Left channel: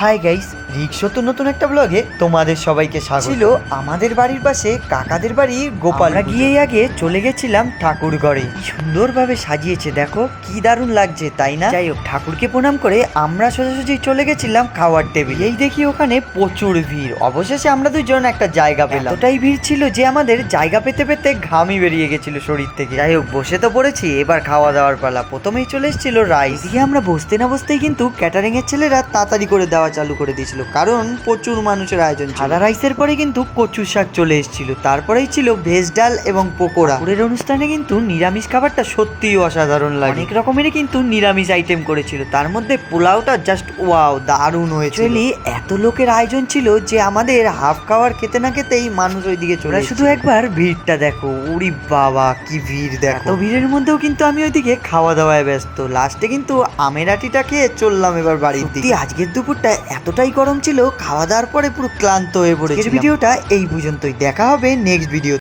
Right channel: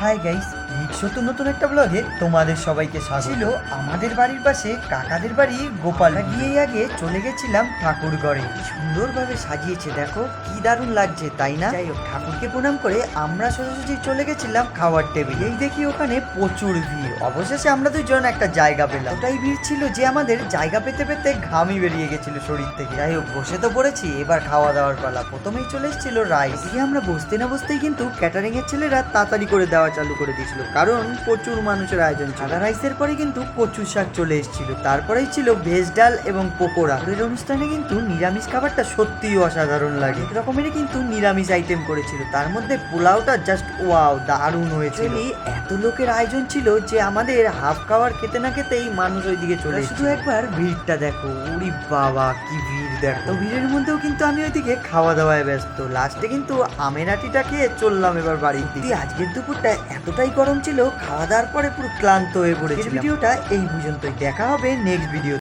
Hi guys, রিক্সো তো নতুন একটা ব্লগে তোমাদের সবাইকে স্বাগত। ছিল আমাদের বাড়ির পাশে কাকাদের বাড়ি গোপাল গিয়েই আগে চলে গেছিলাম ঠাকুর ঘরে। সুন্দরভাবে সাজিয়েছে, দেখো কি দারুণ লাগছে তাই না? যাই হোক, ঠাকুরকে প্রণাম করে আমরা সোজাসুজি চলে গেছিলাম খাওয়ার টেবিল। এই দেখি ওখানে প্রচুর ভিড়। অবশেষে আমরা দুজন একটা জায়গা পেলাম। এতটাই ভিড় ছিল যে আমাদের জায়গা পেতে পেতে ঘামই বেরিয়ে গেছিল শরীর থেকে। যাই হোক, বসে তো পড়েছি, এবার খাওয়া দাওয়ার পালা। প্রথমেই চলে এসেছিল রাইস। দিয়ে আমরা বসতে না বসতেই কিন্তু ক্যাটারিং এর ছেলেরা তাড়াতাড়ি করে দেওয়া চালু করে দিয়েছিল, কারণ প্রচুর মানুষের আয়োজন ছিল। সাদা রাইসের পরে কিন্তু কচুর শাক চলে এসেছিল, তারপরেই ছিল ভেজ ডাল এবং পকোড়া। পুরের অনুষ্ঠানে কিন্তু নিরামিষ খাবারটা সত্যিই অসাধারণ লাগে। অনেক রকমেরই কিন্তু নিরামিষ আইটেম করেছিল, তার মধ্যে পোলাওটা জাস্ট ওয়াও, দারুণ হয়েছিল। এত লোকের আয়োজন ছিল যে আমাদের হাফ খাওয়ার খেতে না খেতেই মানুষ ওইদিকে চলে। শুধু একবার ভিড়টা দেখো, উরি বাবা কি ভিড় দেখো। তো ভিড়ের মধ্যেও কিন্তু আমি ওইদিকে খাওয়া দাওয়ায় ব্যস্ত। লাস্টে কিন্তু আমের আটিটা খেয়ে চললাম এবার বাড়ির দিকে। আজকের দুপুরটা এতটাই গরম ছিল, খাওয়া দাওয়ার পরে পুরো ক্লান্ত হয়ে পড়েছি। ভিডিওটা এই পর্যন্তই, দেখা হবে নেক্সট ভিডিও।